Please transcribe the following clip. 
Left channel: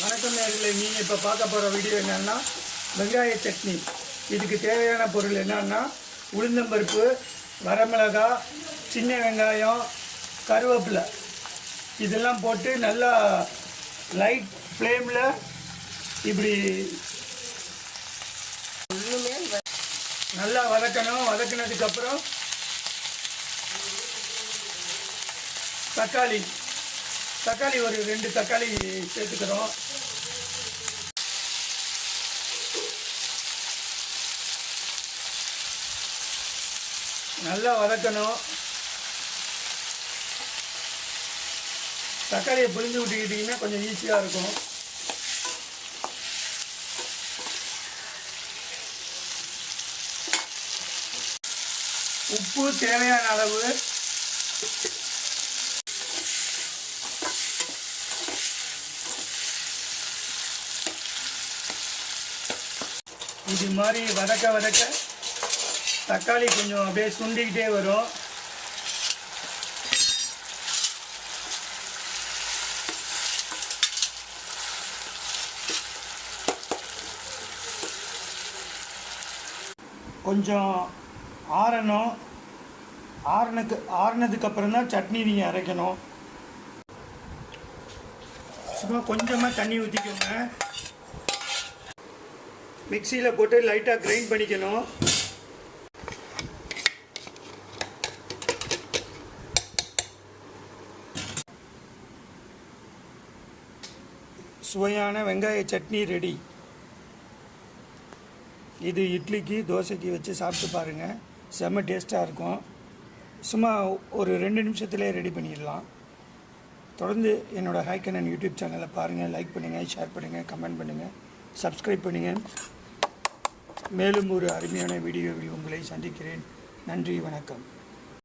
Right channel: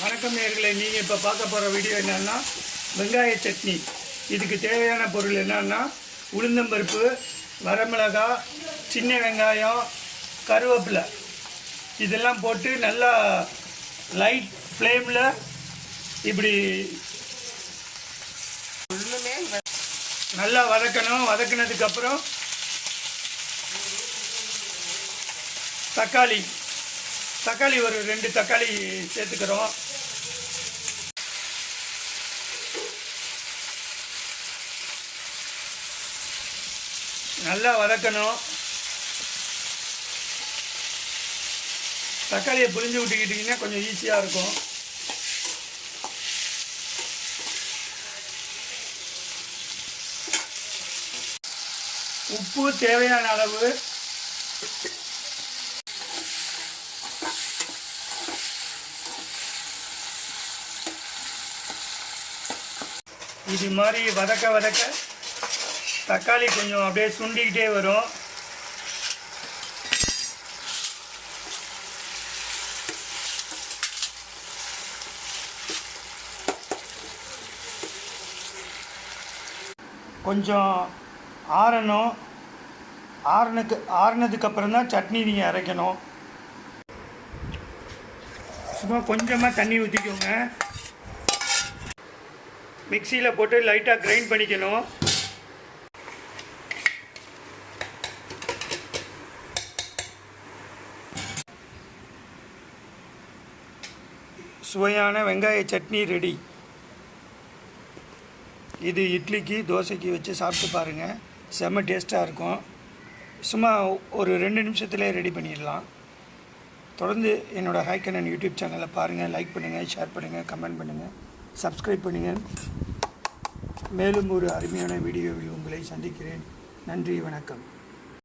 வணக்கம் நேர்களே நீங்கள் இப்போ பார்க்க போகிற வீடியோ என்னன்னா வெங்காய சட்னி. இதுக்கு தேவையான பொருள் என்னன்னா உளுந்தம்பருப்பு வரமிளகாய் சின்ன வெங்காயம் கருவேப்பிலை. இதெல்லாம் போட்டு நல்லா லைட் ஃப்ளேமில் இப்படி நல்லா வதக்கணும். வதக்கினதுக்கப்புறம் தக்காளி. தக்காளி ஒரு ரெண்டு தக்காளி சேர்த்துக்கிறோம். நல்லா வதக்கணும். தக்காளியை புரிஞ்சு விட்டுக்கிட்டிங்கன்னா கொஞ்சம் ஈஸியாக இருக்கும். உப்பு தேவையான அளவு இது மாதிரி வதக்க வதக்க தக்காளி கொஞ்சம் அப்படியே சுண்டிக்கிட்டே வரும். கொஞ்சம் ஆறணும். ஆறுனதுக்கு ஆறுனதுக்கப்புறம் தான் சட்னி நீங்கள் அரைக்கணும். சும்மா கொஞ்சமாக தண்ணி ஊற்றிக்கோங்க மிக்சியில் போட்டு லைட்டாக கிரைண்ட் பண்ணிக்கணும். சுவையான வெங்காய சட்னி ரெடி. இது இட்லிக்கு தோசைக்கு வச்சு சாப்பிட்டு பாருங்கள் செம்ம டேஸ்ட்டாக இருக்கும். சும்மா ஒரு ரெண்டு நிமிஷத்துலேயே ரெடி பண்ணிடலாம். தொடர்ந்து என்னோடய ஹைக்கண்ணன் யூடியூப் சேனலை பாருங்கள் லைக் பண்ணுங்கள் ஷேர் பண்ணுங்கள் கமெண்ட் பண்ணுங்கள் சப்ஸ்கிரைப் பண்ணுங்கள் மேலும் ஒரு அருமையான வீடியோவில் உங்களை சந்திக்கிறேன். நன்றி வணக்கம்.